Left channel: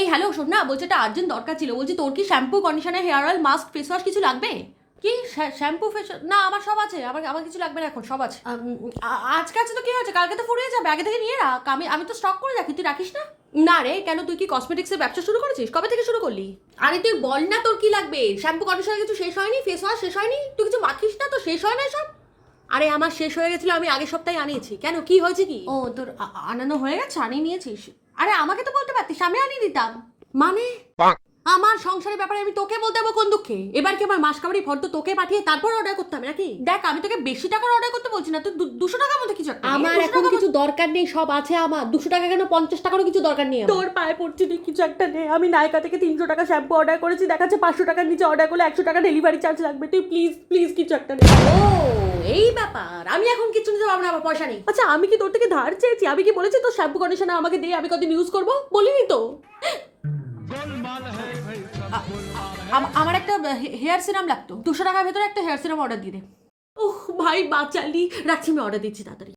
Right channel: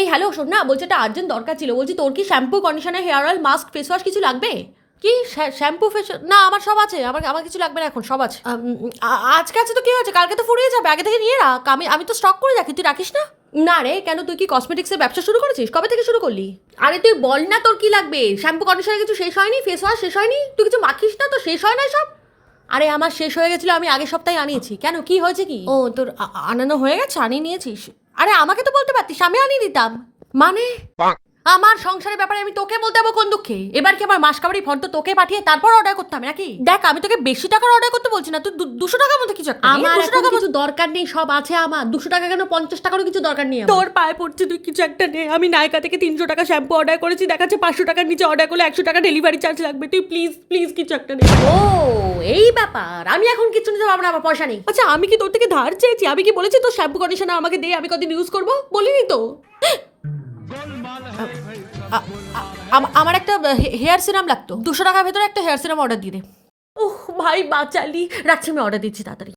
এই হ্যালো, শোন না, বলছি একটা আর্জেন্ট দরকার ছিল। বলছি তোর কি shampoo, conditioner, hair oil, mask, face wash কিছু লাগবে? কি শ্যাম্পু ফেস? না, আমার সব আছে। আমার কিছু লাগবে না এখন, সব আছে। আজকে আছে তো কি হয়েছে, কালকে তো ফুরিয়ে যাবে। আগে থেকে নিয়ে রাখ, আমি তো স্টক করে রাখি, তুই রাখিস না? না রে, কেন, তুই কি কসমেটিক্সের ব্যবসা শুরু করেছিস? কবে থেকে শুরু করলি? আরে তুই বল না তোর কি লাগবে। শ্যাম্পু কন্ডিশনার কিছু শেষ হয়নি? ফেস ওয়াশ শেষ হয়নি? তুই কিছু মাখিস না তো শেষ হয় না সব? আরে আমার শেষ হয়ে গেছিল, আমি আগের সপ্তাহে আনিয়েছি। কেন, কি হয়েছে কি? ও তোর আনানো হয়ে গেছে, আনিয়ে নিয়েছিস? আরে আমাকে তো বলতে পারতিস, আমি আনিয়ে দিতাম। মানে আমার সংসারের ব্যাপারে আমি তোকে বলতে যাবো কোন দুঃখে? এবার কি আমার মাসকাবারি ফর্দ তোকে পাঠিয়ে তারপর অর্ডার করতে হবে নাকি? দেখ, আমি তোকে বেশি টাকার অর্ডার করতে বলছি না, তুই 200 টাকার মধ্যে কিছু একটা নে। আমার 200 এখন টাকার কিছু দরকার নেই, সব আছে আমার। 200 টাকা কেন, 50 টাকারও কিছু দরকার নেই আমার। তোর পায়ে পড়ছি, তুই কিছু একটা নে। আমি নায়কা থেকে 300 টাকা শ্যাম্পু অর্ডার করেছি, দেখাচ্ছে 500 টাকার নিচে অর্ডার করলে 100 টাকা ডেলিভারি চার্জ লাগবে। তুই প্লিজ প্লিজ কিছু একটা নে। ও এই ব্যাপার, আমি এখন কিছু নিতে পারবো না, আমার পয়সা নেই। আচ্ছা, আমি কি তোর থেকে ধার চেয়েছি? আমি কি বলেছি তোর শ্যাম্পু কন্ডিশনার আমাকে দে, আমি কদিন ইউজ করবো? বলিনি তো। আমার একটা হেয়ার সিরাম লাগতো, 200 টাকার ভেতরে একটা হেয়ার সিরাম অর্ডার দিয়ে দে। ওহ ভাই বাঁচালি, রাখছি, আমি অর্ডার দিচ্ছি তাড়াতাড়ি।